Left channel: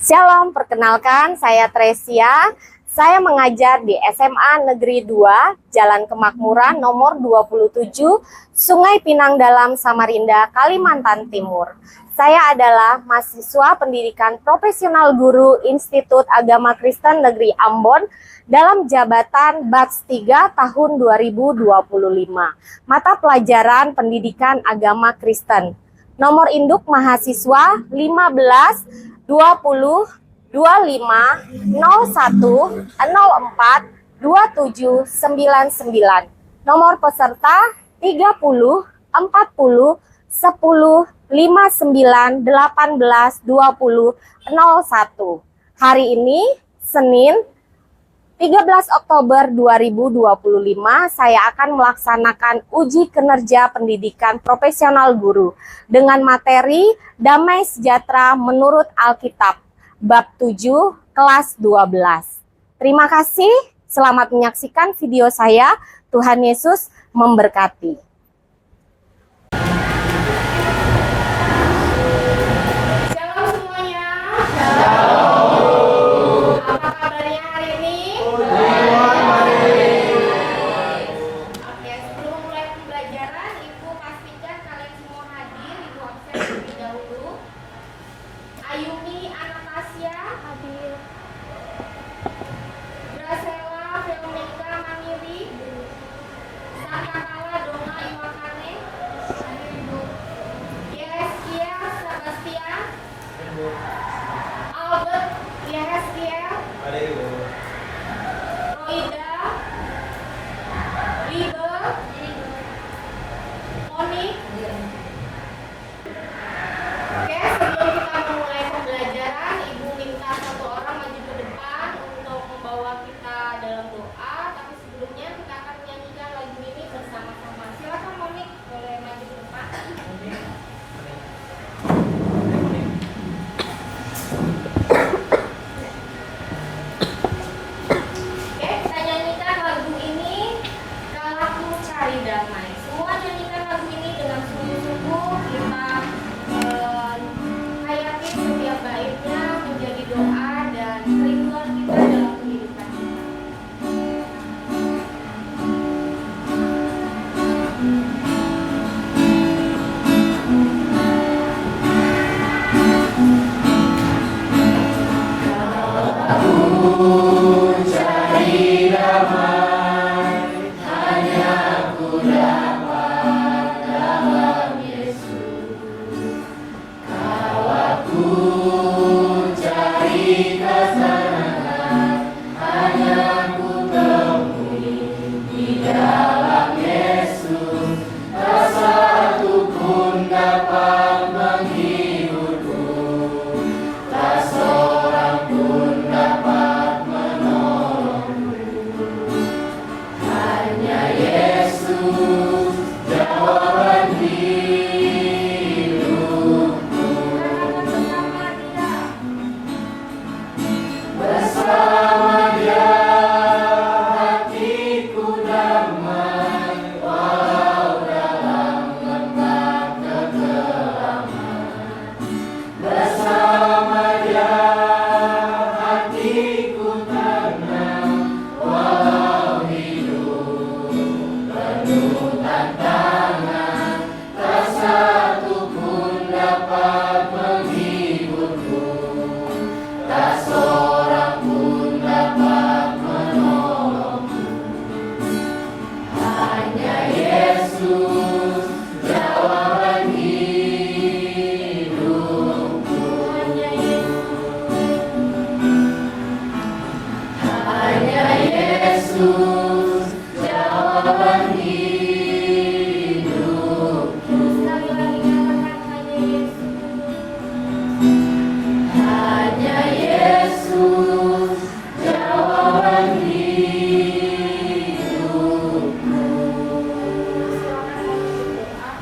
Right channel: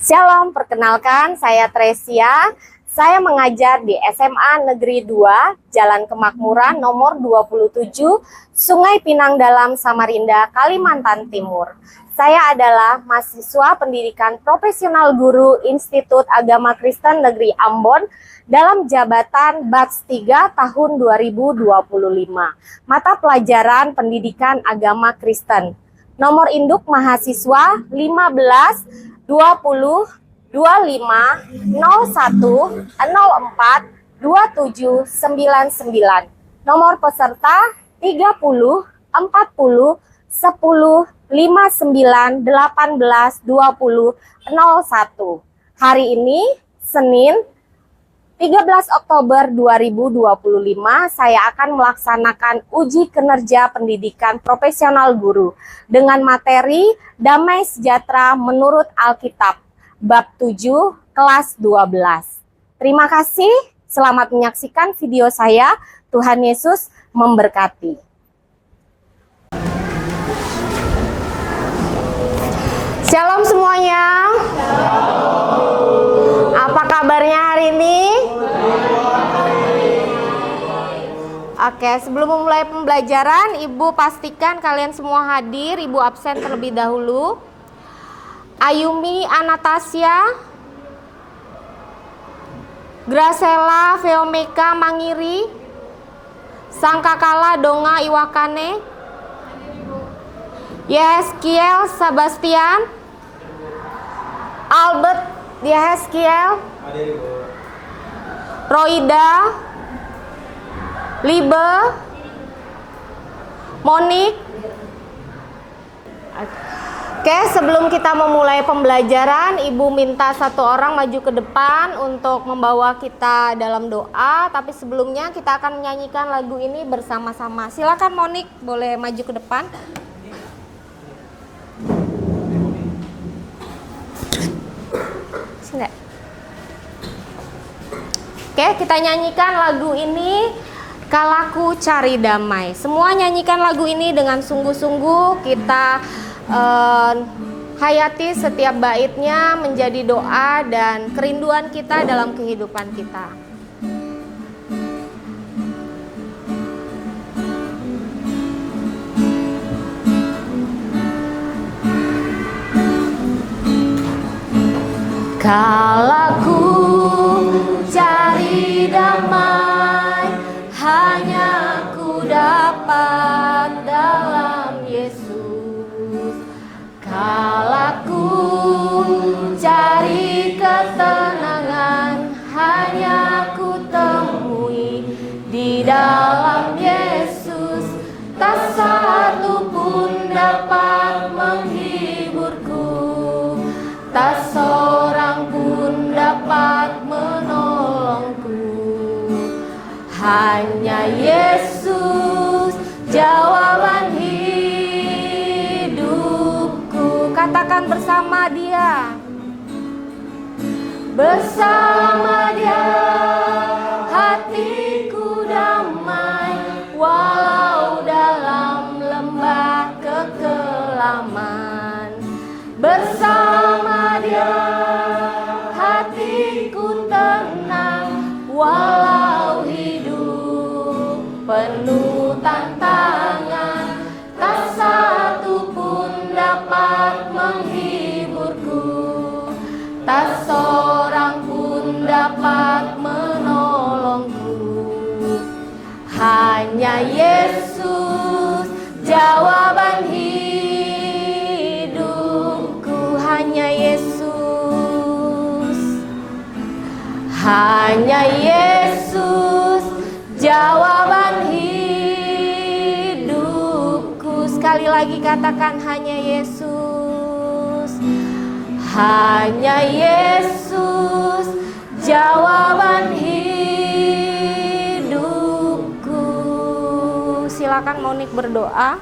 Shalom, perkenalkan saya Tresia. Saya mengajar di SMA Negeri 2, Jalan Kemakmuran nomor 27, Sungai Pinang Dalam, Samarinda, Kalimantan Timur. Saya adalah mahasiswa pendidikan profesional guru Institut Agama Kristen Negeri Ambon dalam jabatan Batch 3 tahun 2025. Mata pelajaran Pendidikan Agama Kristen. Nomor induk mahasiswa 15 20 25 01 04 27 99. Nomor peserta 30 40 10 59 18 20 01. Hari ini Senin 13 Oktober 2025 saya akan melaksanakan uji kinerja pendidikan profesional guru dengan materi Damai Sejahtera menurut Alkitab bab 7 kelas 12. Terima kasih, selamat menyaksikan video saya. Tuhan Yesus memberkati. Shalom semuanya. Shalom. Apa kabarnya hari ini? Oke, sebelum memulai pembelajaran, Ibu pastikan kalian semua hadir. Ibu absen terlebih dahulu. Ayumi Anastasia, Gracela Veomeka Mangiri, Sangkakala Donga Iwakane, Yeskiel Sebastian, Albert Yeskiel, Roida, Libe, Monik. Oke, sebelum kita memulai pembelajaran, Ibu minta satu orang maju ke depan untuk membawa kita dalam doa. Tapi sebelumnya kita akan menyanyikan lagu ini bersama-sama. Silakan Monik, boleh maju ke depan. Oke, kita nyanyikan lagu ini, Kalaku Cari Damai. Semua nyanyikan lagu ini dengan sungguh-sungguh. Kita hayati setiap baitnya menjadi doa dan kerinduan kita dalam kehidupan kita. Kalaku cari damai, hanya ku dapat dalam Yesus. Kalaku cari kesenangan, hanya ku temui di dalam Yesus. Tak satu pun dapat menghiburku, tak seorang pun dapat menolongku. Hanya Yesus jawaban hidupku. Katakan bersama Dia. Bersama Dia hatiku damai, walau dalam lembah kekelaman. Bersama Dia hatiku tenang, walau hidup penuh tantangan. Tak satu pun dapat menghiburku, tak seorang pun dapat menolongku. Hanya Yesus jawaban hidupku. Hanya Yesus, hanya Yesus jawaban hidupku. Sekali lagi katakan, hanya Yesus, hanya Yesus jawaban hidupku. Silakan Monik berdoa.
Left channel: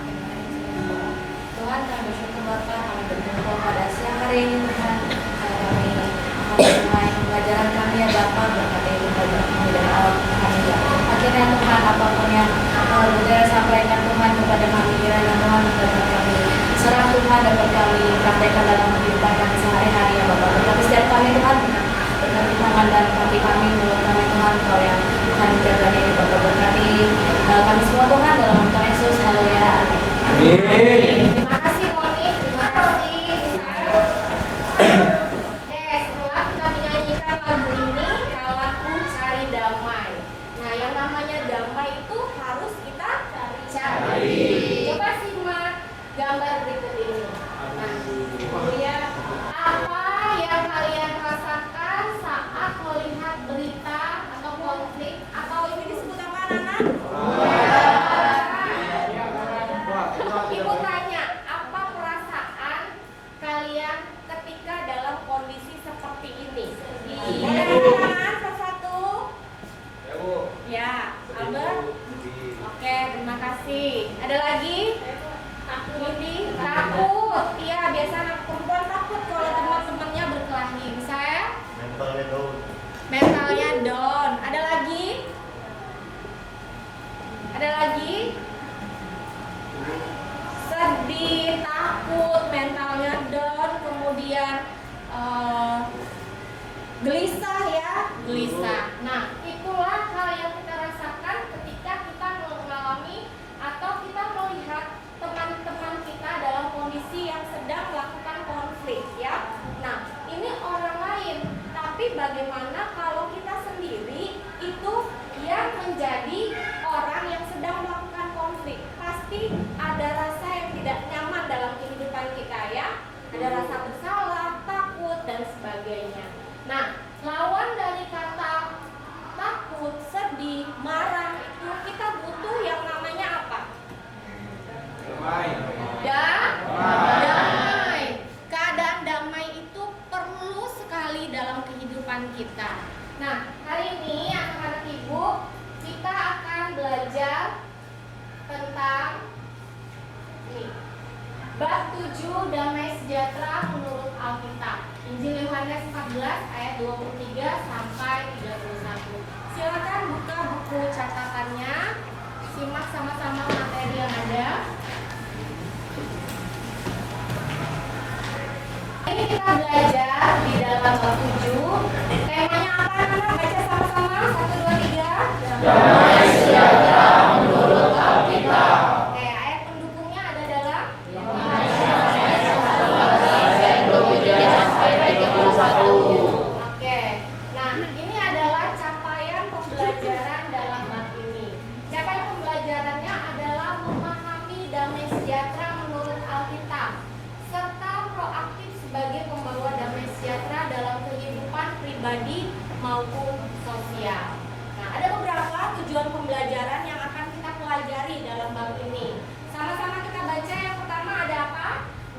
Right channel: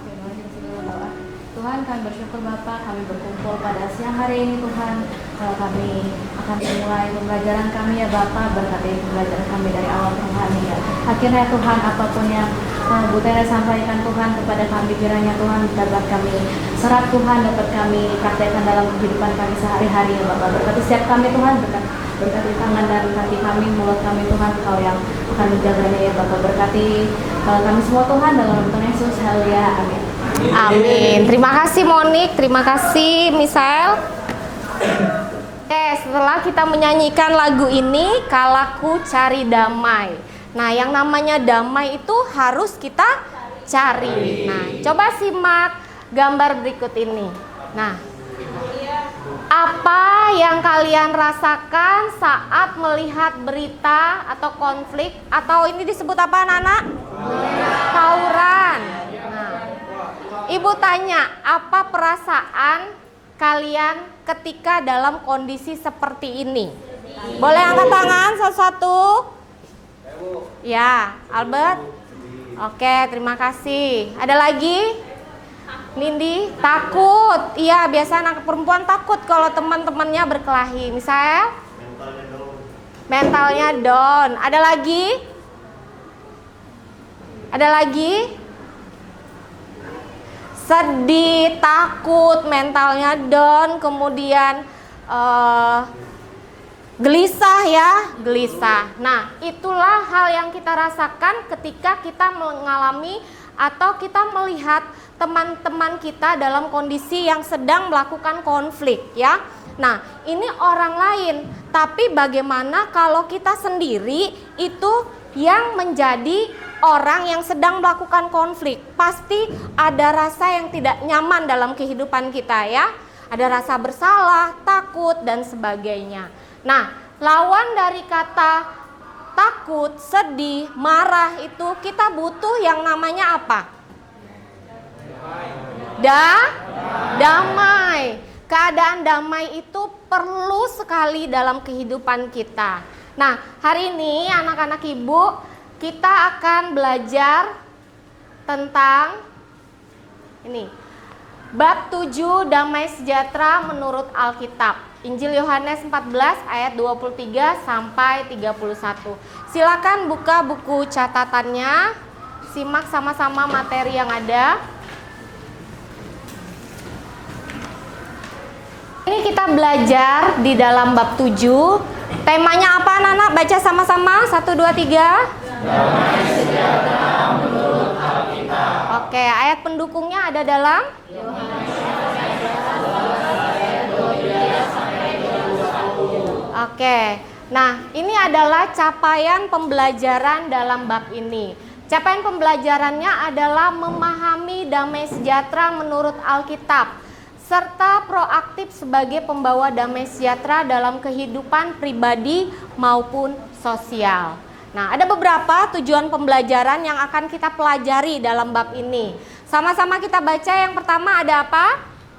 Tuhan, kami bersyukur Bapa, kami berkumpul pada siang hari ini Tuhan. Kami akan memulai pembelajaran kami ya Bapa, berkati pembelajaran kami dari awal Tuhan hingga akhirnya Tuhan, apapun yang Bu Tera sampaikan Tuhan kepada kami, kiranya Tuhan dapat kami serap Tuhan, dapat kami praktekkan dalam kehidupan kami sehari-hari ya Bapak. Berkati setiap kami Tuhan, dengan berkati tangan dan kaki kami, mulut kami Tuhan, Kau yang akan dijaganya ya Bapak. Berkati kami semua Tuhan, dalam Tuhan Yesus, haleluya, amin. Amin. Terima kasih Monik, terima kasih Misael. Setelah kita menyanyikan lagu ini, Kalaku Cari Damai. Nah, yang namanya damai itu harus kita cari. Nah, coba simak gambar berikut ini. Nah, apa yang kalian rasakan saat melihat berita atau konflik, atau ini disebut apa anak-anak? Tawuran. Ibu tanya, apa perasaan kalian ketika dalam kondisi seperti ini? Boleh angkat tangan satu-satu? Ya, Albert. Oke, terima kasih. Ada lagi? Nindi, takut. Iya, biasa anak perempuan takut kalau teman-temannya berkelahi. Misalnya? Mentalnya down. Ada lagi? Ada lagi? Sedih, takut, mentalnya down, kemudian gelisah ya, gelisah. Nah, itulah hal yang kita rasakan ketika kita mengalami atau kita melihat teman-teman kita dalam kondisi yang sedang melakukan konflik ya. Nah, ini orang lain, tapi bagaimana kalau kita sendiri itu yang menjadi orang yang sedang melakukan konflik? Pasti ada rasa yang tidak nyaman dalam kehidupan kita ya. Ada rasa bersalah, takut, dan sebagainya. Nah, lawan dari kata takut, sedih, marah itu kita butuh yang namanya apa? Damai. Keadaan damai itu perlu sekali dalam kehidupan kita. Nah, hari ini anak-anak ibu, kita akan belajar tentang ini. Bab 7 damai sejahtera menurut Alkitab. Injil Yohanes 14 ayat 23 sampai 31. Silakan buka buku catatannya. Simak sama-sama materi yang ada. Ini kita belajar di dalam bab 7. Temanya apa anak-anak? Baca sama-sama. 1, 2, 3. Damai sejahtera menurut Alkitab. Oke, ayat pendukungnya ada dalam Oke. Nah, ini adalah capaian pembelajaran dalam bab ini. Capaian pembelajarannya adalah memahami damai sejahtera menurut Alkitab, serta proaktif sebagai pembawa damai sejahtera dalam kehidupan pribadi maupun sosial. Nah, ada beberapa tujuan pembelajaran yang akan kita pelajari dalam bab ini. Sama-sama kita baca. Yang pertama ada apa?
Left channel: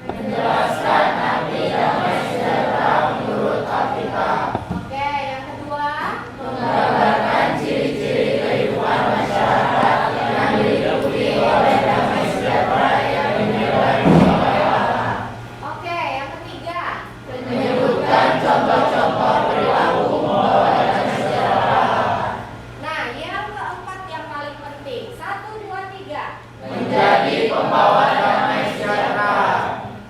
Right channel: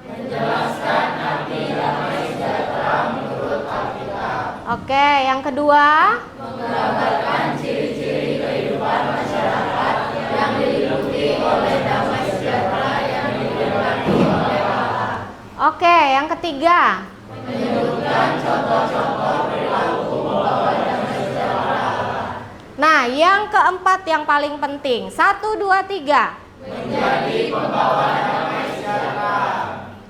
Menjelaskan arti damai sejahtera menurut Alkitab. Oke, yang kedua? Menggambarkan ciri-ciri kehidupan masyarakat yang diliputi oleh damai sejahtera yang dimiliki oleh Allah. Oke, yang ketiga? Menyebutkan contoh-contoh perilaku pembawa damai sejahtera. Nah, yang keempat yang paling penting. 1, 2, 3. Menjadi pembawa damai sejahtera.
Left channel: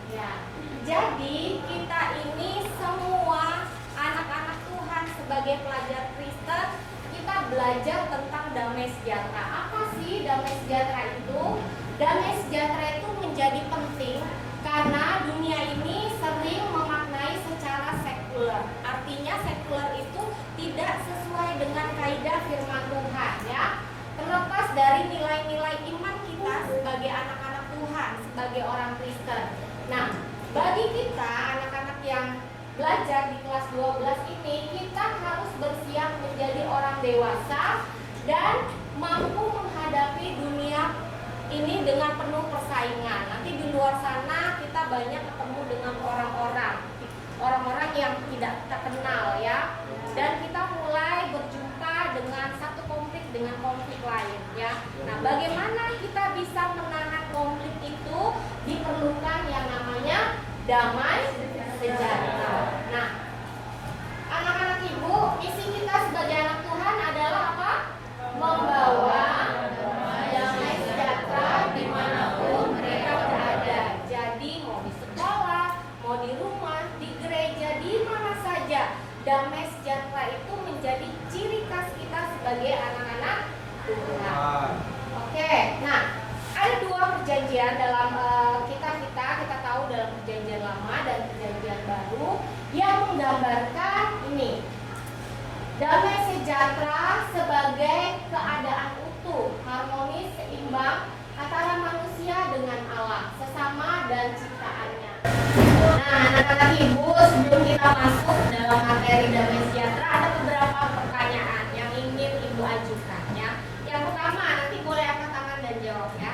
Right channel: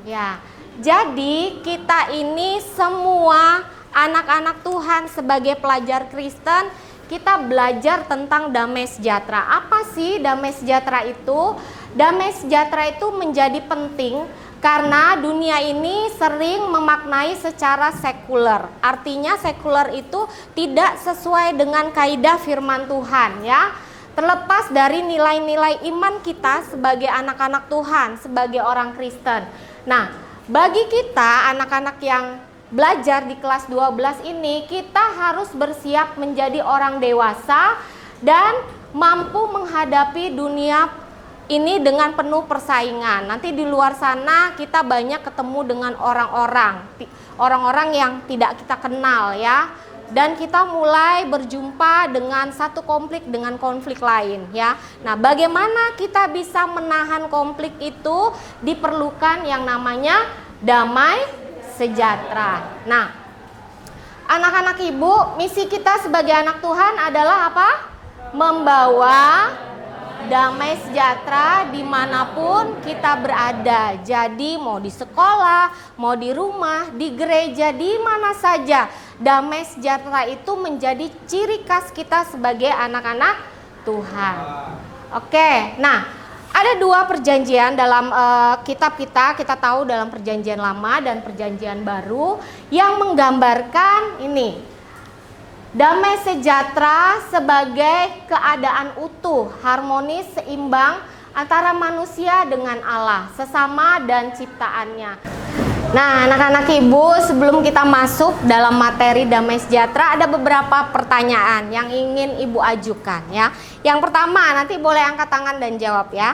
Ya, jadi kita ini semua anak-anak Tuhan sebagai pelajar Kristen, kita belajar tentang damai sejahtera. Apa sih damai sejahtera itu? Damai sejahtera itu menjadi penting karena dunia ini sering memaknai secara sekuler. Artinya sekuler itu tidak sesuai dengan kaidah firman Tuhan ya. Terlepas dari nilai-nilai iman kita sebagai anak-anak Tuhan, sebagai orang Kristen. Nah, bagi kita anak-anak yang belajar di kelas 12 ini, kita harus bersiap menjadi orang dewasa dan mampu menghadapi dunia ini dengan penuh persaingan. Nanti di luar sana kita banyak ketemu dengan orang-orang yang tidak kita kenal ya. Dan kita mulai berjumpa dengan satu konflik dengan konflik lain ya. Nah, bagaimana kita bisa menahan konflik itu? Diperlukan yang namanya damai sejahtera. Nah, anak-anak ibu, misi kita sebagai anak Tuhan adalah apa? Membawa damai sejahtera dimanapun kita berada. Jadi mau di sekolah, mau di rumah, di gereja, di mana saja, damai sejahtera itu menjadi ciri khas kita sebagai anak-anak Tuhan. Oke, nah ada dua perjanjian dalam kitab kita tahu dalam perjanjian lama dan perjanjian baru yang menggambarkan ini. Damai sejahtera sebagai keadaan utuh, harmonis, seimbang antara manusia dengan Allah, sesama dan ciptaannya. Nah, anak-anak ibu, sebelum kita masuk dalam materi damai sejahtera, ada beberapa pertanyaan yang ingin ibu ajukan ya. Yang pertama, nanti boleh angkat tangan dan jawab ya.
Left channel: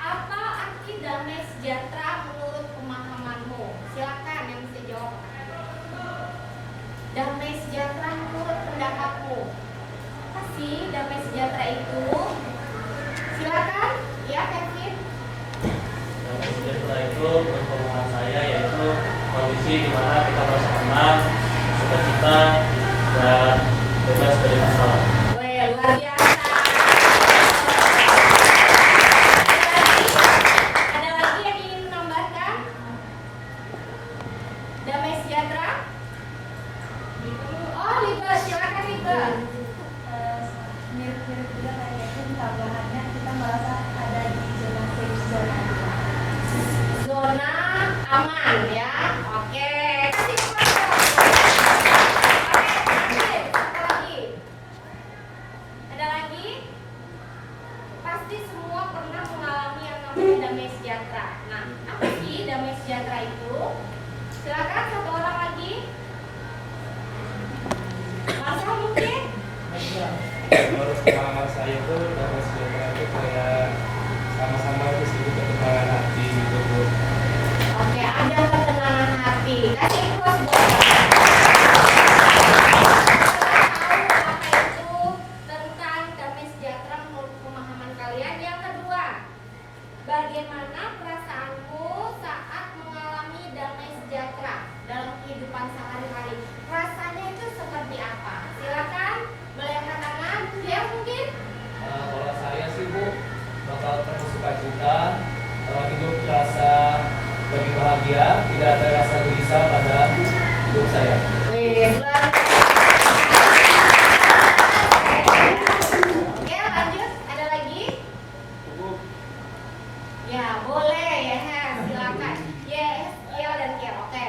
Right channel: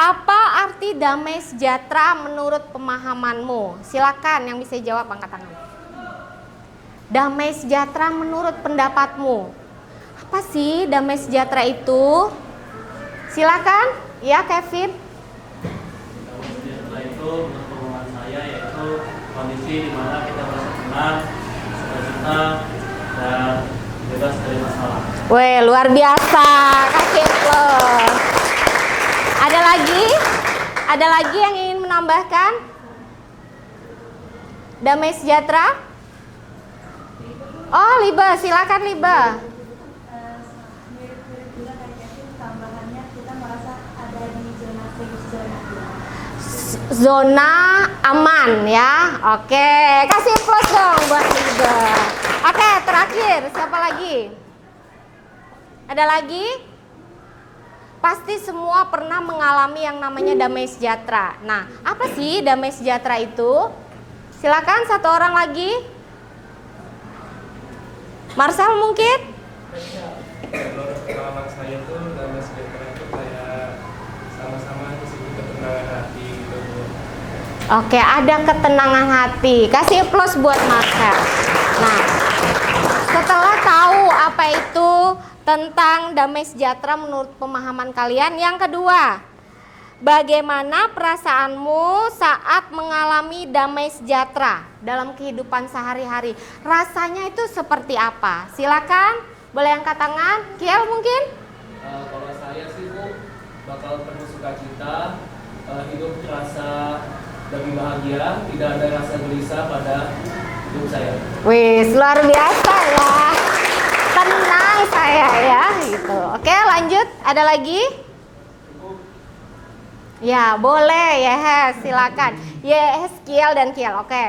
Apa arti damai sejahtera menurut pemahamanmu? Silakan yang bisa jawab angkat tangan. Damai sejahtera menurut pendapatmu. Apa sih damai sejahtera itu? Silakan, ya Kevin. Damai sejahtera itu menurut pemahaman saya yaitu kondisi di mana kita merasa tenang, sukacita, dan bebas dari masalah. Weh, luar biasa. Ada lagi? Ada lagi yang ingin menambahkan? Damai sejahtera? Oh, Liba, silakan Liba. Mirip-mirip juga kayaknya tambahannya kita merasa ada di Zona aman ya. Oke, kasih applause dong buat Liba. Oke, terakhir siapa lagi? Ada lagi? Pasti semua pernah mengalami yang namanya damai sejahtera. Nah, apa sih damai sejahtera itu? Silakan satu orang lagi. Marcel mungkin? Menurut pengalaman saya itu damai sejahtera itu kayak sama-sama itu sebuah ketenangan hati gitu. Oke, ada ketenangan hati. Kasih applause buat Marcel. Nah, setelah tahu apa itu tentang damai sejahtera menurut pemahaman kalian, yang kedua, bagaimana perasaanmu saat mengalami damai sejahtera dalam kehidupan sehari-hari? Rasanya itu seperti apa? Silakan, boleh angkat tangan. Kiel mungkin? Kalau saya sih Bu, bakal penuh sukacita, hidup terasa lebih bahagia, tidak ada rasa gelisah pada hidup saya. Wih, luar biasa ya. Tenang saya ya. Gitu. Oke, lanjut. Ada lagi? Ya, boleh. Yes, silakan. Yes, Kiel dan Kiel. Oke.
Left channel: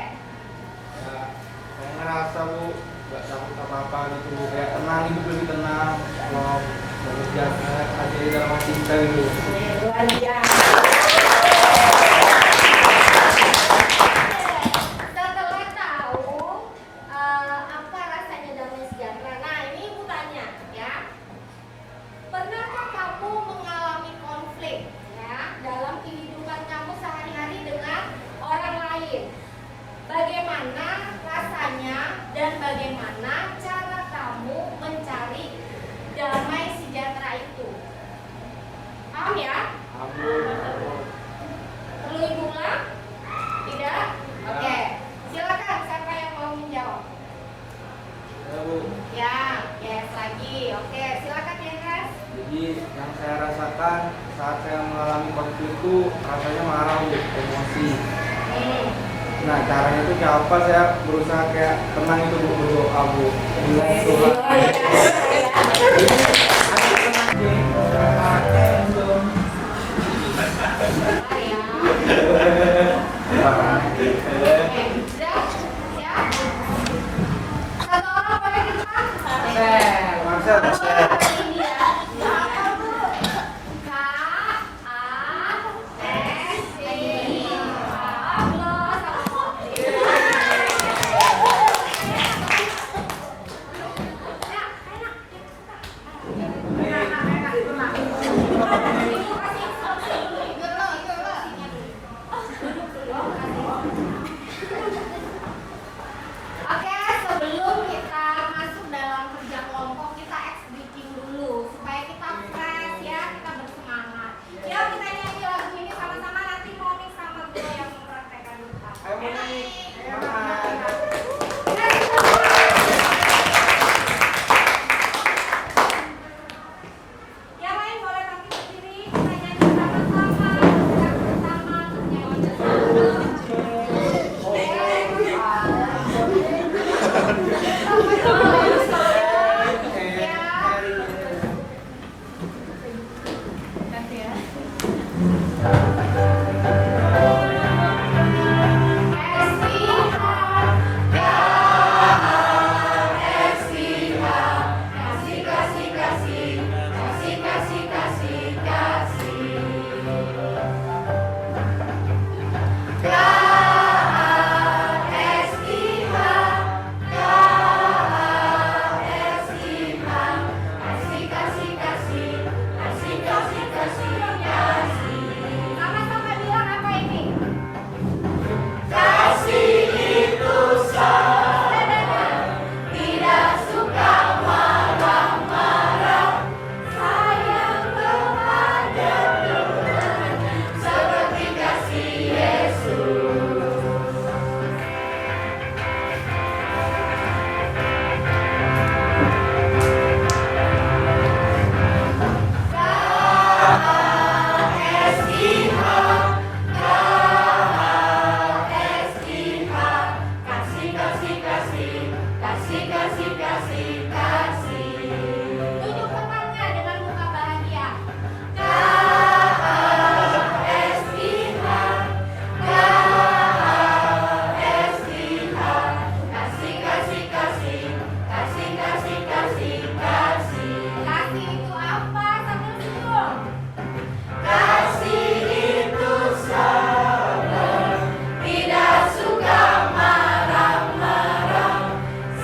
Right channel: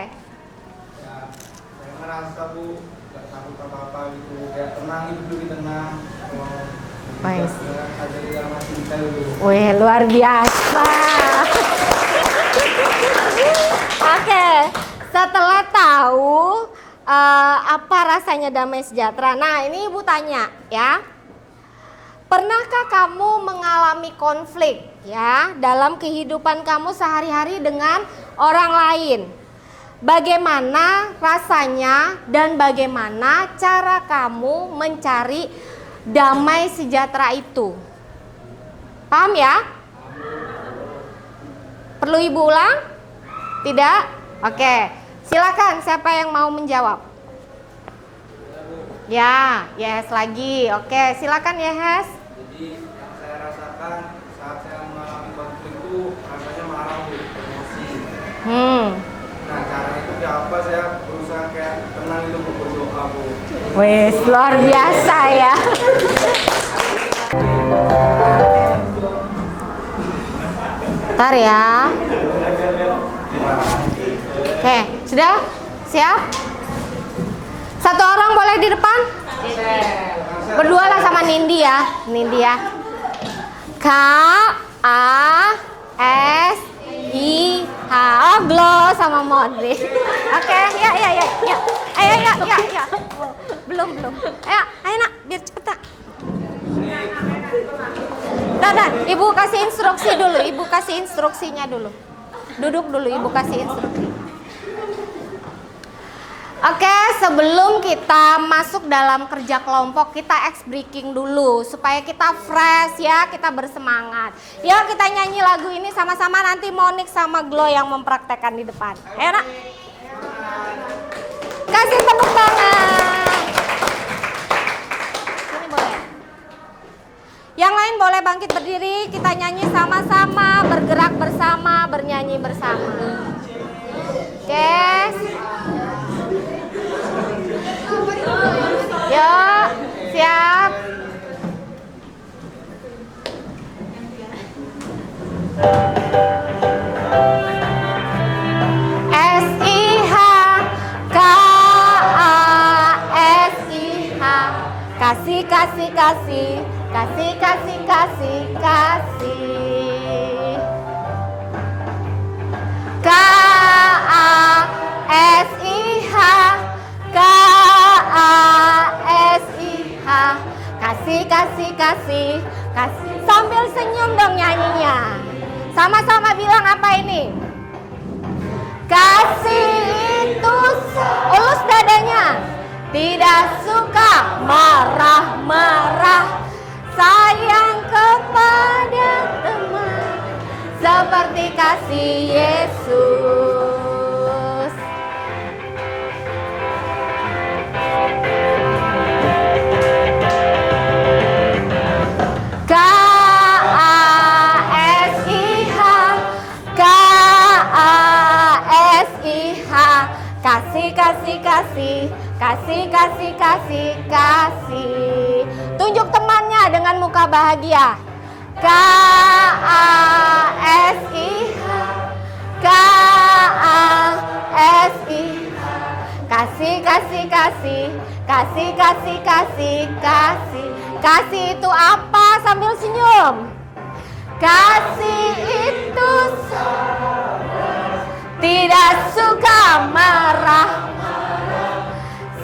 Saya ngerasa Bu gak takut apa-apa gitu, kayak tenang, hidup lebih tenang. Kalau ajari dalam hati kita gitu. Wih, luar biasa. Oke, setelah tahu apa rasanya damai sejahtera. Nah, ini Ibu tanya ya. Pernahkah kamu mengalami konflik ya dalam kehidupan kamu sehari-hari dengan orang lain? Bagaimana rasanya dan bagaimana cara kamu mencari damai sejahtera itu? Paham ya? Perlu Ibu ulang? Tidak? Oke. Silakan, siapa yang mau menjawab? Ya, yes lagi. Oke, silakan ya, Hes. Jadi yang saya rasakan saat saya mengalami konflik itu rasanya marah, emosi. Nah, caranya itu kayak apa? Saya berusaha kayak tenang itu berdoa, Bu. Wih, luar biasa ya. Bentar ya. Oke, sudah? Siap? Satu orang boleh di depan? Berdua lah sama Nindi ya. Nindi ya. K A S I H. Oh, Glow sama Modri. Oke, ya. Ayo, ya. Belum. Ayo nak, biar cepet nak. Nah, Ibu kasih instruksi dulu. Ibu kasih instruksinya dulu. Duduk dulu, Ibu kasih instruksi. Oke, sebelum kita masuk dalam kerja kelompok, kita ice breaking dulu supaya kita fresh ya, kita bersemangat. Yuk kita nyanyi lagu ini sama-sama, nanti Monik sama Glow yang mempraktekkan di depan. Ayo nak. Kasih tepuk tangan. Yang lain boleh bangkit bangkit berdiri, kita nyanyi sama-sama, bergerak bersama, bernyanyi bersama. Oke. Yuk, siap. Kasih, kasih, kasih, kasih, kasih, kasih, kasih. K-A-S-I-H, K-A-S-I-H, kasih, kasih, kasih, kasih. Sambil senyum dong nyanyinya. Sama-sama bilang apa ini? Kasih itu ulus dadanya. Tidak suka marah-marah, sayang kepada teman, seperti kasih Yesus. K-A-S-I-H, K-A-S-I-H, kasih, kasih, kasih, kasih, kasih, kasih, kasih. Tunjuk temannya dengan muka bahagia. K-A-S-I-H, K-A-S-I-H, kasih, kasih, kasih, kasih, kasih, kasih, kasih. Kasih itu apa? Sambil senyum. Kasih itu sabar, tidak suka marah-marah,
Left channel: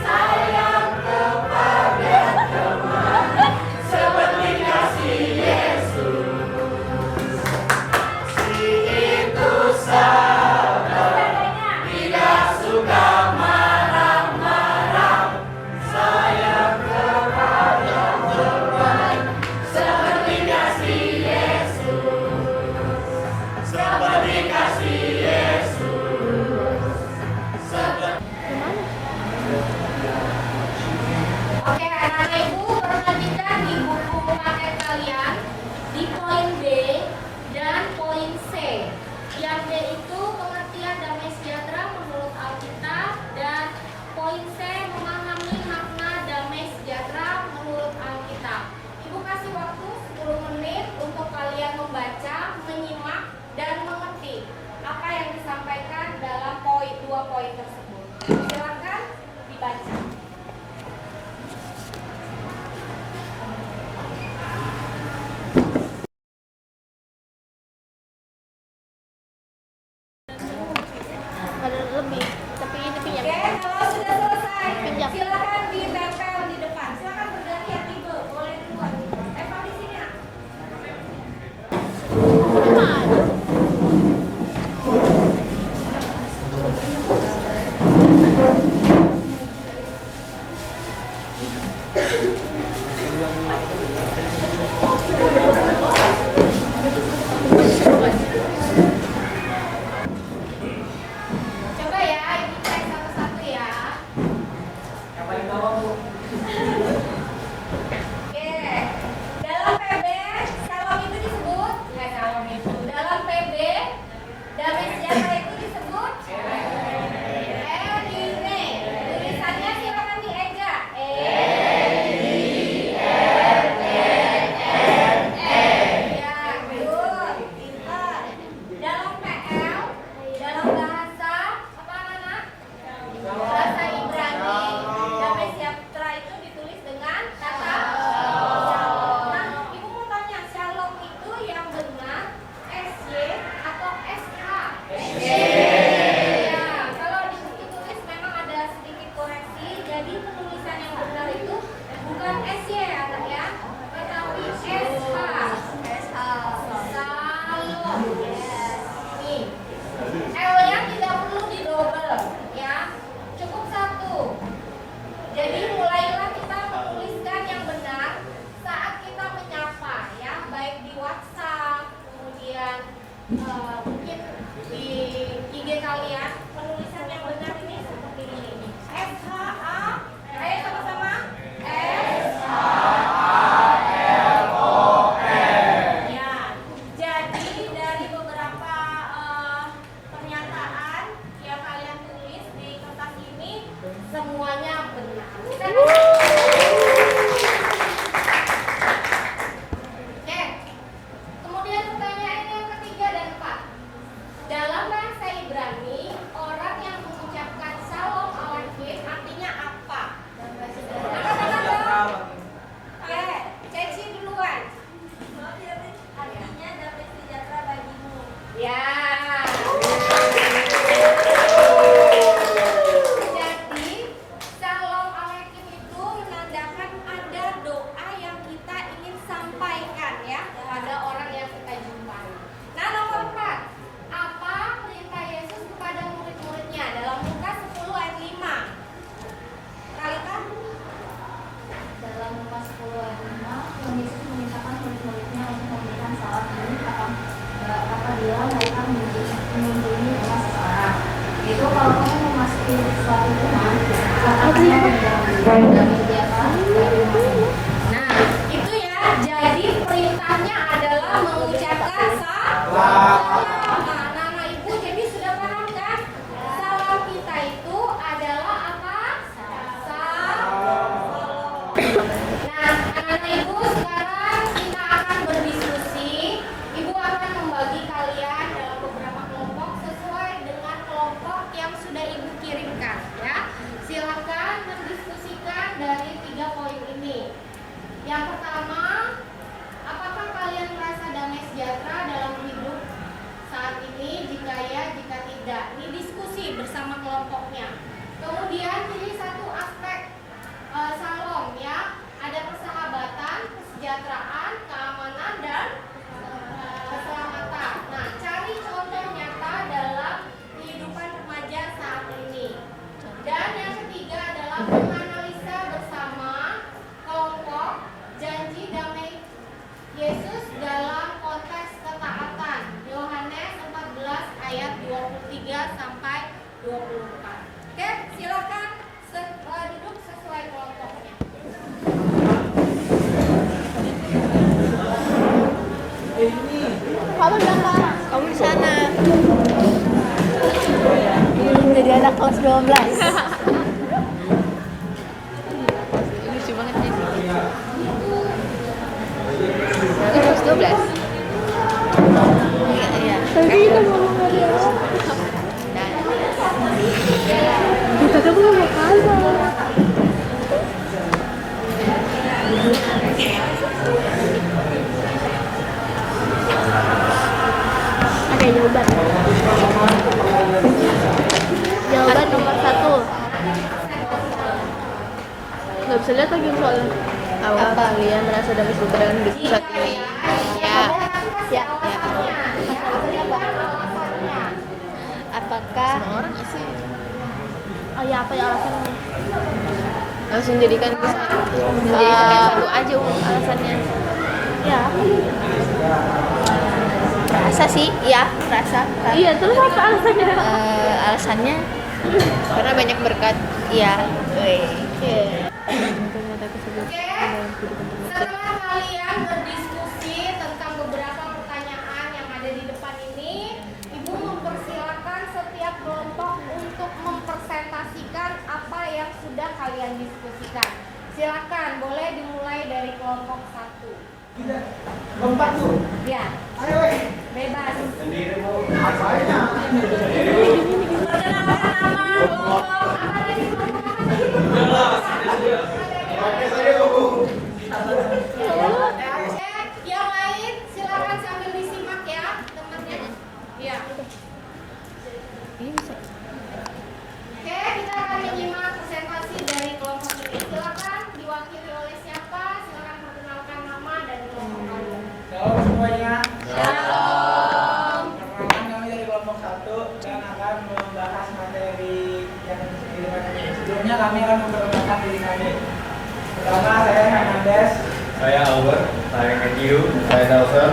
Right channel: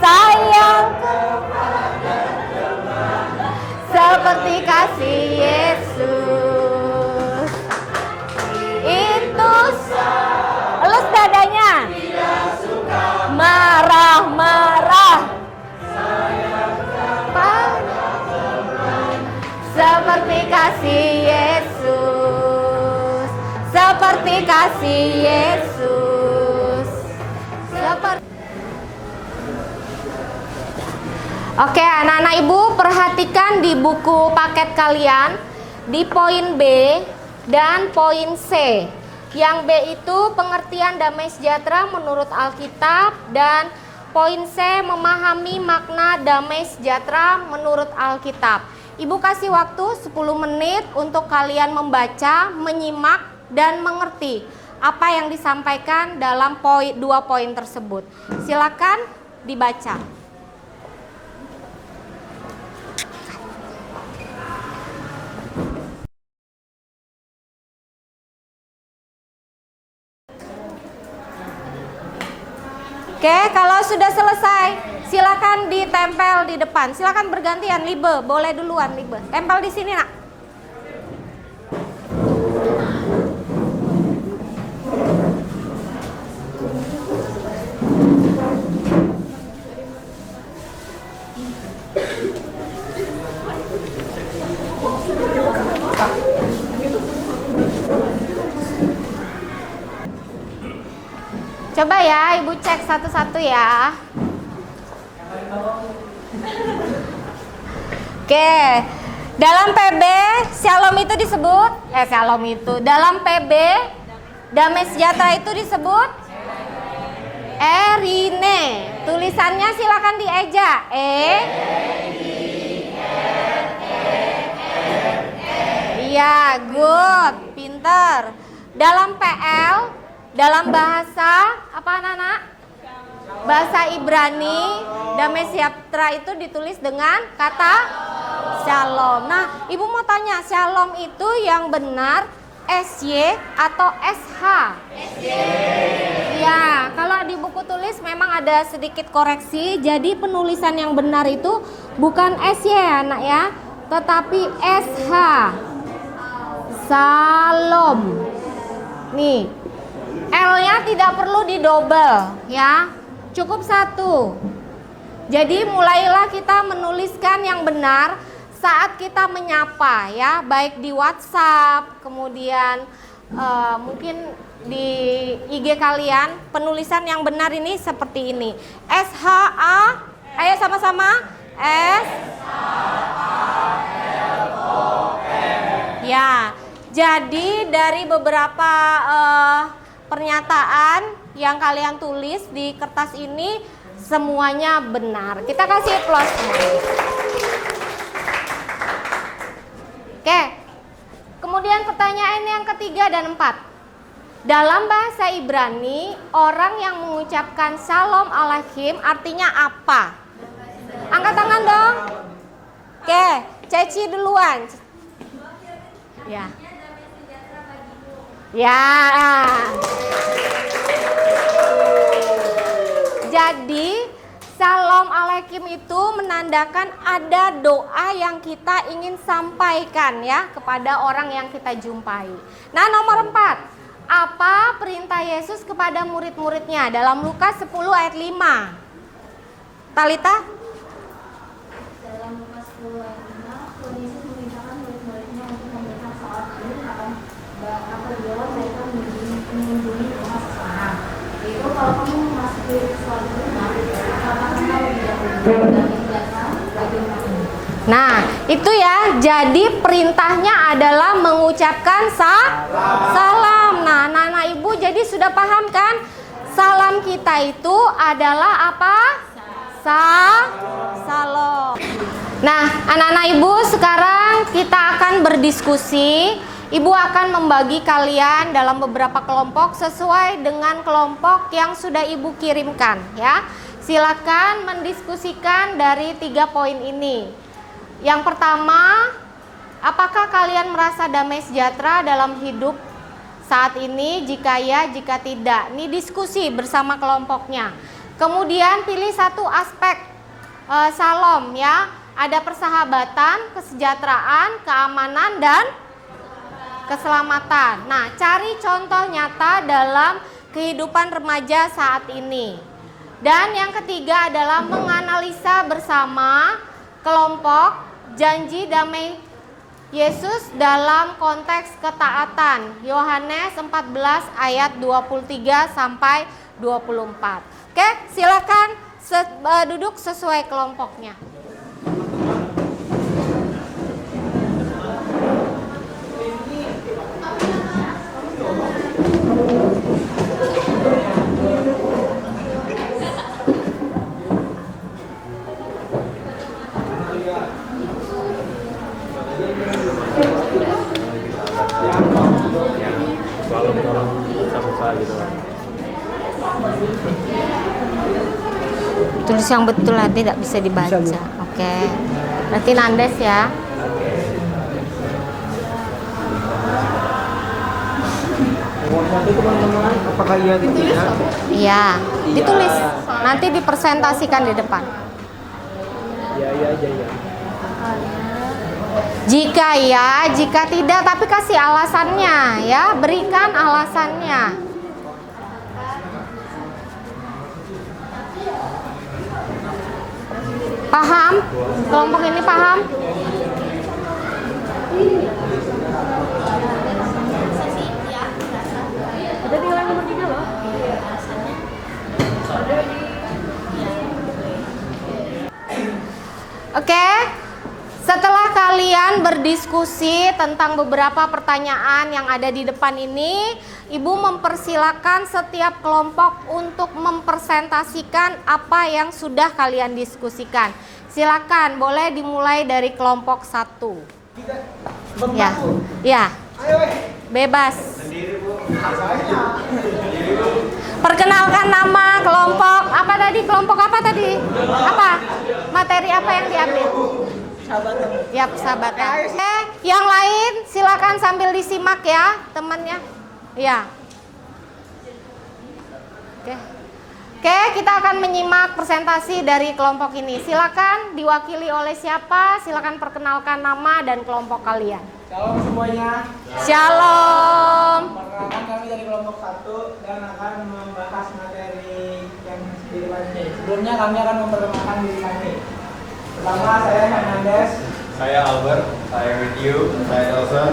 sayang kepada teman, seperti kasih Yesus. Itu elus dadanya. Tidak suka marah-marah, sayang kepada teman, seperti kasih Yesus. Seperti kasih Yesus. Seperti Oke, anak-anak ibu perhatikan di buku paket kalian di poin B dan poin C. Yang B itu pengertian damai sejahtera menurut Alkitab, dan poin C memahami makna damai sejahtera menurut Alkitab. Ibu kasih waktu 10 menit untuk kalian membaca, menyimak, dan mengerti apa yang disampaikan dalam dua poin tersebut. Silakan dibaca. Oke, kalau sudah selesai, silakan ditempel di depan. Silakan bergantian, Libe, boleh duluan, Libe. Tempel di sini, Nak. Coba ya, Ibu cek satu-satu ya. Oke, dalam PB Shalom itu disebut dalam PB damai sejahtera itu disebut Erine. Tulisannya silakan dieja. Iya, good, pinter. Dalam PL, dalam bahasa apa anak-anak? Bahasa Ibrani, damai sejahtera itu ditulis dengan kata Shalom. Nah, Ibu mau tanya, Shalom itu yang benar SY atau SH? Ya, kalau di buku tulis memang ada sedikit koreksi. Jadi penulisan yang benar itu bukan SY anak ya, tetapi SH. Shalom. Nih, L-nya tidak perlu didobel ya, cukup satu. Jadi mulailah kita menuliskan yang benar saat kita menyapa ya, baik di WhatsApp, kemudian mungkin di IG kalian. Penulisan yang benar ini seperti ini. SHA, ayo sama-sama. SHALOM. pernyataan yang kalian tulis di kertas ini semuanya benar. Kita kasih applause. Oke. Kemudian pertanyaan yang ketiga dan 4. Dalam bahasa Ibrani, orang yang mengucapkan Shalom Aleichem artinya apa? Angkat tangan dong. Oke, Ceci duluan. Ya. Ya. Jadi Shalom Aleichem itu menandakan ada doa yang kita ingin sampaikan ya kepada orang yang kita jumpai. Nah, nomor 4. Apa perintah Yesus kepada murid-muridnya dalam Lukas 10 ayat 5? Talita? Dalam Lukas 10 ayat 5, Tuhan Yesus memintakan murid-muridnya untuk memberikan salat apabila mereka mengunjungi rumah seseorang. Itu kalau kamu memasuki suatu rumah, katakanlah menjaga rumahmu. Nah, itu ya. Jadi perintahnya adalah mengucapkan salam. Nah, anak-anak ibu jadi sudah paham kan? Salam kita itu adalah apa? Salam. Nah, anak-anak ibu sekarang kita akan berdiskusi. Ibu akan membagi kalian dalam beberapa kelompok sesuai dengan kelompok yang sudah ibu kirimkan ya. Silakan mendiskusikan dari 3 poin ini. Yang pertama, apakah kalian merasa damai sejahtera dalam hidup saat ini? Jika ya, jika tidak. Ini diskusi bersama kelompoknya. Kemudian pilih satu aspek Shalom ya. Ada persahabatan, kesejahteraan, keamanan, dan keselamatan. Nah, cari contoh nyata dalam kehidupan remaja saat ini. Dan yang ketiga adalah menganalisa bersama kelompok janji damai Yesus dalam konteks ketaatan. Yohanes 14 ayat 23 sampai 24. Oke, silakan duduk sesuai kelompoknya. Kamu di sana. Jadi anak kelas 12. Lucu banget ya. Kelas 12. Iya. Tulis yang betul nanti tidak bisa dibaca. Oke. Nanti nandes ya. Iya, ditulis. Nanti dipresentasikan di depan. Nggak bisa lihat lagi apa kalian merasa damai sejahtera? Jika ya, jika tidak, tapi kasih alasannya ya, berikan alasannya. Apakah oh ya, apa ya alasannya? Langsung jadikan Paham? Kelompok ini paham? aja alasannya. Ya. Rasa sih, ya, rasa. Iya, terus alasannya. Alasannya karena banyak berkat. Iya. Oke. Setelah kalian berdiskusi tentang beberapa pertanyaan yang ada di depan ini, Ibu mempersilakan setiap kelompok untuk mempresentasikan apa yang sudah kalian diskusikan. Silakan, boleh dimulai dari kelompok 1. Ya, ya, bebas. Perkenalkan nama kelompok apa tadi? Kelompok apa tadi? Apa? Materi apa yang diambil? Ya, persahabatan. Oke, yang lain silakan sambil disimak ya, temannya. Ya. Oke, kita akan menyimak presentasi dari kelompok ini. Silakan diwakili oleh siapa? Silakan perkenalkan nama dan kelompok kalian. Shalom semuanya. Shalom. Perkenalkan kami dari kelompok 1 dan akan membahas materi yang di depan ini. Sebelumnya kami akan memperkenalkan diri kami. Pertama, saya Hernandez. Saya Albert, saya Matthew, saya Dawson.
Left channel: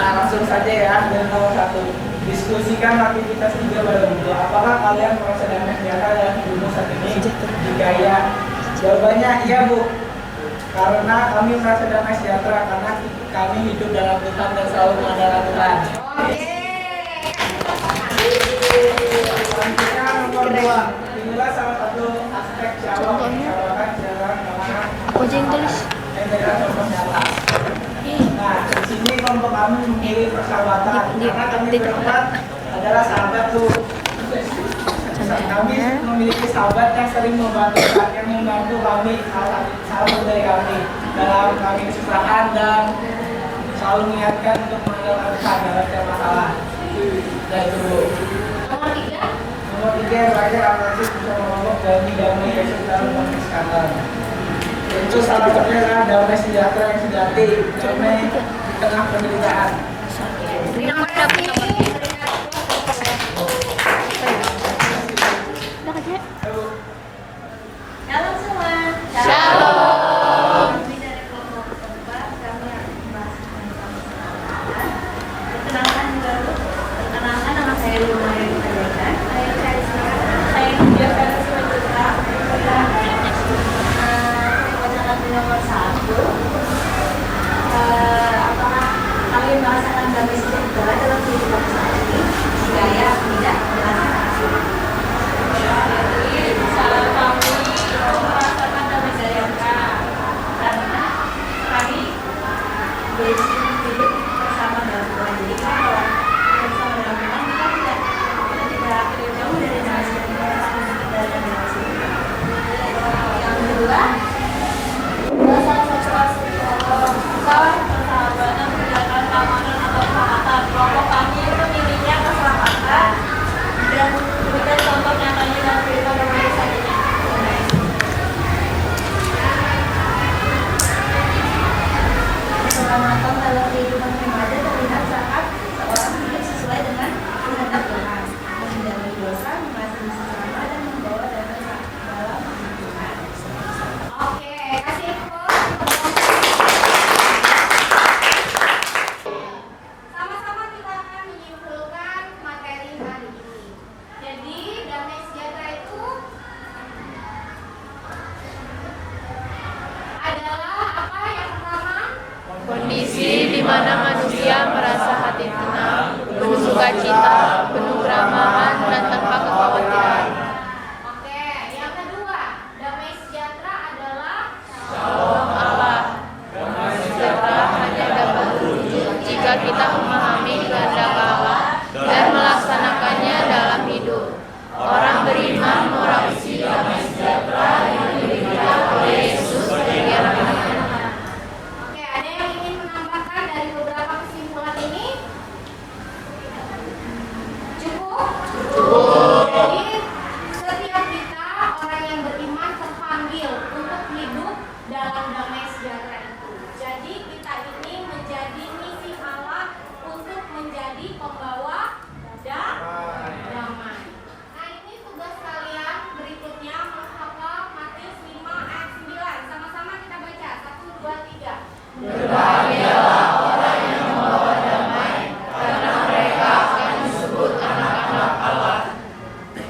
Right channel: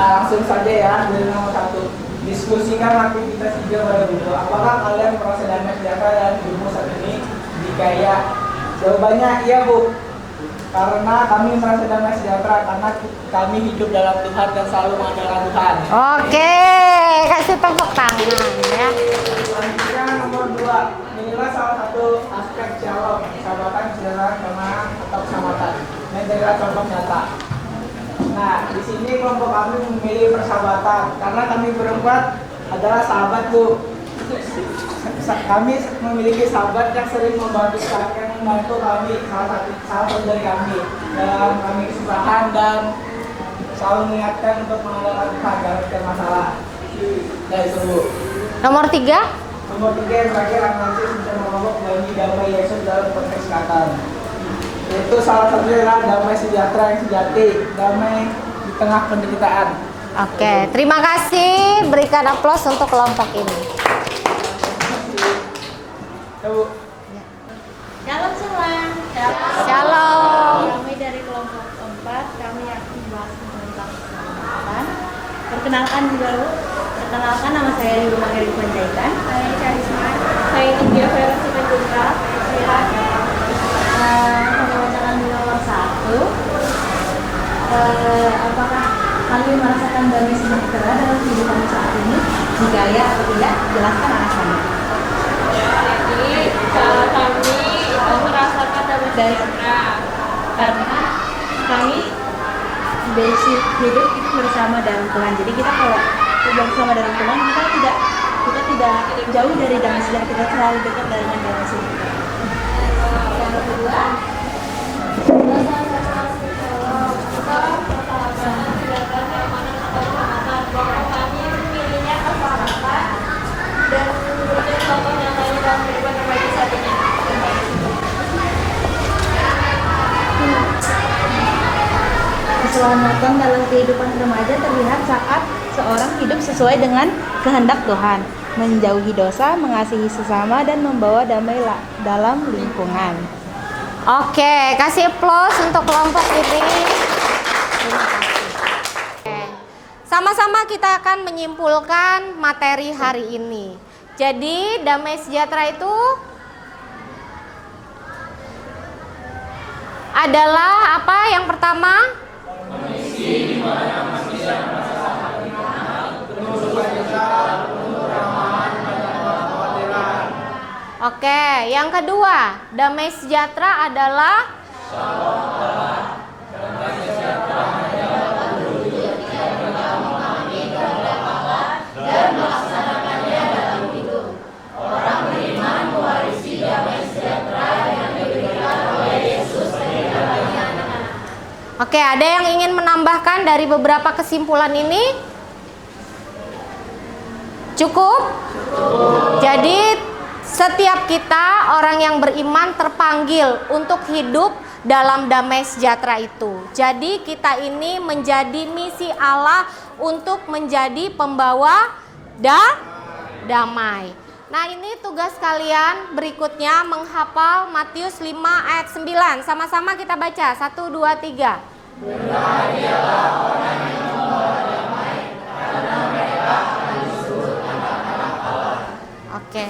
Langsung saja ya, dari nomor 1. Diskusikan aktivitas 3 pada berikut. Apakah kalian merasa damai sejahtera dalam hidupmu saat ini? Jika iya, jawabannya iya Bu. Karena kami merasa damai sejahtera karena kami hidup dalam Tuhan dan selalu mengandalkan Tuhan. Oke, kasih tepuk tangan. kedua, inilah salah satu aspek persahabatan dalam kelompok yang dari contoh nyata. Nah, di sini kelompok kami memilih persahabatan karena kami berempat adalah sahabat tuh. Kami memiliki sahabat yang sering membantu kami, salah satu dari kami dalam kami kesusahan dan selalu mengingatkan untuk mengandalkan Tuhan dalam setiap masalah. Dari dulu. Nomor 3. Nomor 3 yang terakhir analisis bisa menolong dan damai Yesus dalam konteks sekarang. Itu salah satunya adalah damai sejahtera yang sejati, damai di tengah penderitaan. Oke, terima kasih. Berikan aplaus untuk kelompok ini. Ibu. Shalom semua. Shalom. Kami dari kelompok 4, kami akan membahas tentang persahabatan. Perkenalkan dulu. Perkenalkan, nama saya Ibu Maria Panjaitan. Saya Karisma. Saya India Versi Putra. Saya pacaran di nomor 1. Apakah kami merasakan damai sejahtera dalam kehidupan saat ini? Jika ya atau tidak, jelaskan alasannya. Kami merasakan damai sejahtera karena kami basic hidup bersama dalam Tuhan. Jadi kita kalau tidak bersama dalam Tuhan, kita tidak jauh dari damai sejahtera, kita selalu dekat dengan damai sejahtera. Yang kedua, salah satu aspek persahabatan berdasarkan keamanan atau keselamatan. Kelompok kami memilihnya keselamatan dan memberikan contoh nyatanya dalam kehidupan remaja saat ini. Keselamatan dalam kehidupan remaja terlihat saat seorang hidup sesuai dengan kehendak Tuhan, menjauhi dosa, mengasihi sesama, dan membawa damai dalam lingkungan. Oke, kasih aplaus untuk kelompok ini. Sama-sama kita akan menyimpulkan materi hari ini. Jadi, damai sejahtera itu adalah apa? Yang pertama, Kondisi di mana manusia merasa hati tenang, penuh sukacita, penuh keramahan, dan tanpa kekhawatiran. oke. Yang kedua, damai sejahtera adalah Jika kita memahami kehendak Allah dan melaksanakannya dalam hidup, orang beriman mewarisi damai sejahtera yang diberikan oleh Yesus bagi anak-anak. Oke, ada yang ingin menambahkan dari beberapa kesimpulan ini? Cukup? Jadi, setiap kita orang yang beriman terpanggil untuk hidup dalam damai sejahtera itu. Jadi, kita ini menjadi misi Allah untuk menjadi pembawa damai. Nah, ini tugas kalian berikutnya menghafal Matius 5 ayat 9. Sama-sama kita baca. 1, 2, 3. Berbahagialah orang yang membawa damai, karena mereka akan disebut anak-anak Allah. Oke,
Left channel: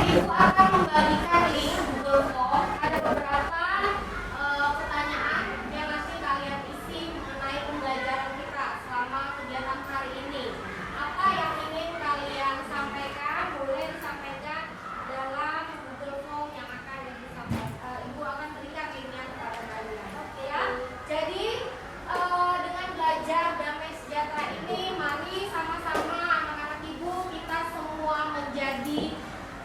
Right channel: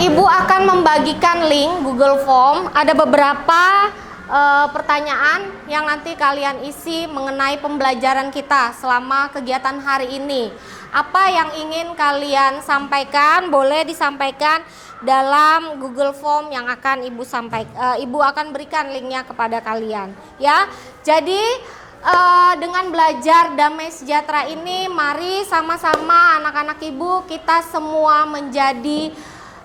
Ibu akan membagikan link Google Form. Ada beberapa pertanyaan yang nanti kalian isi mengenai pembelajaran kita selama kegiatan hari ini. Apa yang ingin kalian sampaikan boleh disampaikan dalam Google Form yang akan Ibu akan berikan linknya kepada kalian, ya. Jadi dengan belajar damai sejahtera ini, mari sama-sama anak-anak Ibu kita semua menjadi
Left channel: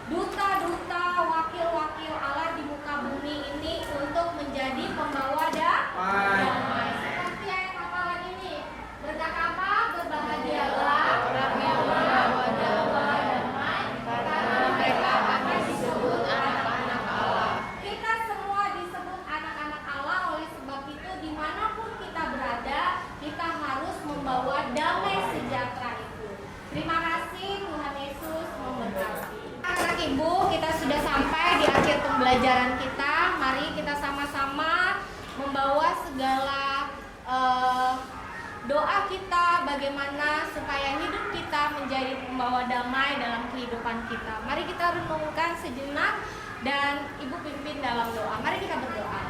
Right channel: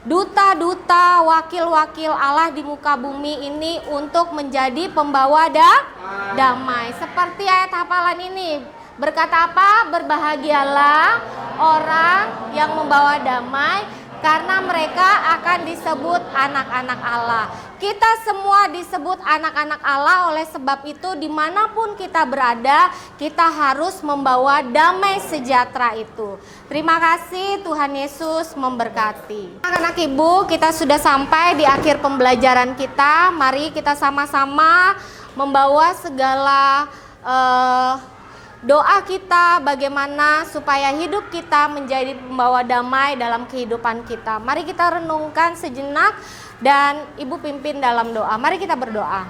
duta-duta, wakil-wakil Allah di muka bumi ini untuk menjadi pembawa damai. Seperti ayat hafalan ini berkata apa? Berbahagialah orang yang membawa damai, karena mereka akan disebut anak-anak Allah. Kita semua disebut anak-anak Allah, oleh sebab itu dimanapun kita berada, kita harus membawa damai sejahtera itu. Terima kasih, Tuhan Yesus memberkati. Anak-anak Ibu, kita sudah sampai di akhir pembelajaran kita. Mari kita sama-sama membawa segala doa kita bagaimana supaya hidup kita menjadi pembawa damai dalam kehidupan kita. Mari kita renungkan sejenak dan Ibu pimpin dalam doa. Mari kita berdoa.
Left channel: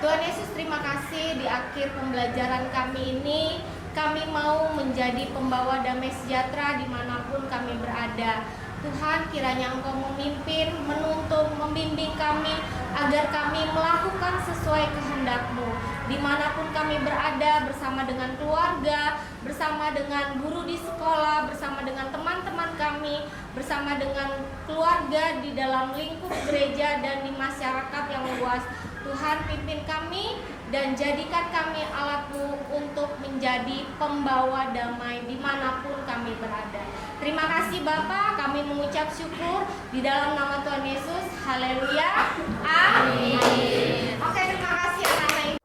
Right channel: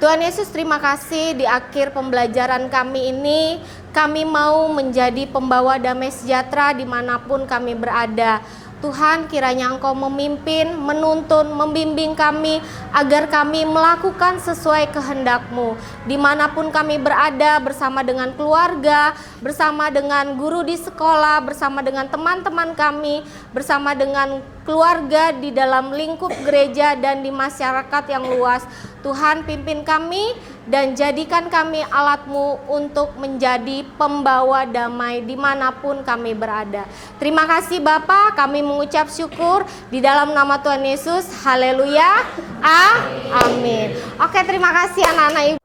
Tuhan Yesus, terima kasih di akhir pembelajaran kami ini. Kami mau menjadi pembawa damai sejahtera dimanapun kami berada. Tuhan, kiranya Engkau memimpin, menuntun, membimbing kami agar kami melakukan sesuai kehendak-Mu. Dimanapun kami berada, bersama dengan keluarga, bersama dengan guru di sekolah, bersama dengan teman-teman kami, bersama dengan keluarga di dalam lingkup gereja dan di masyarakat yang luas. Tuhan, pimpin kami dan jadikan kami alat-Mu untuk menjadi pembawa damai dimanapun kami berada. Terima kasih Bapa, kami mengucap syukur di dalam nama Tuhan Yesus. Haleluya. Amin. Oke, terima kasih anak-anak ibu.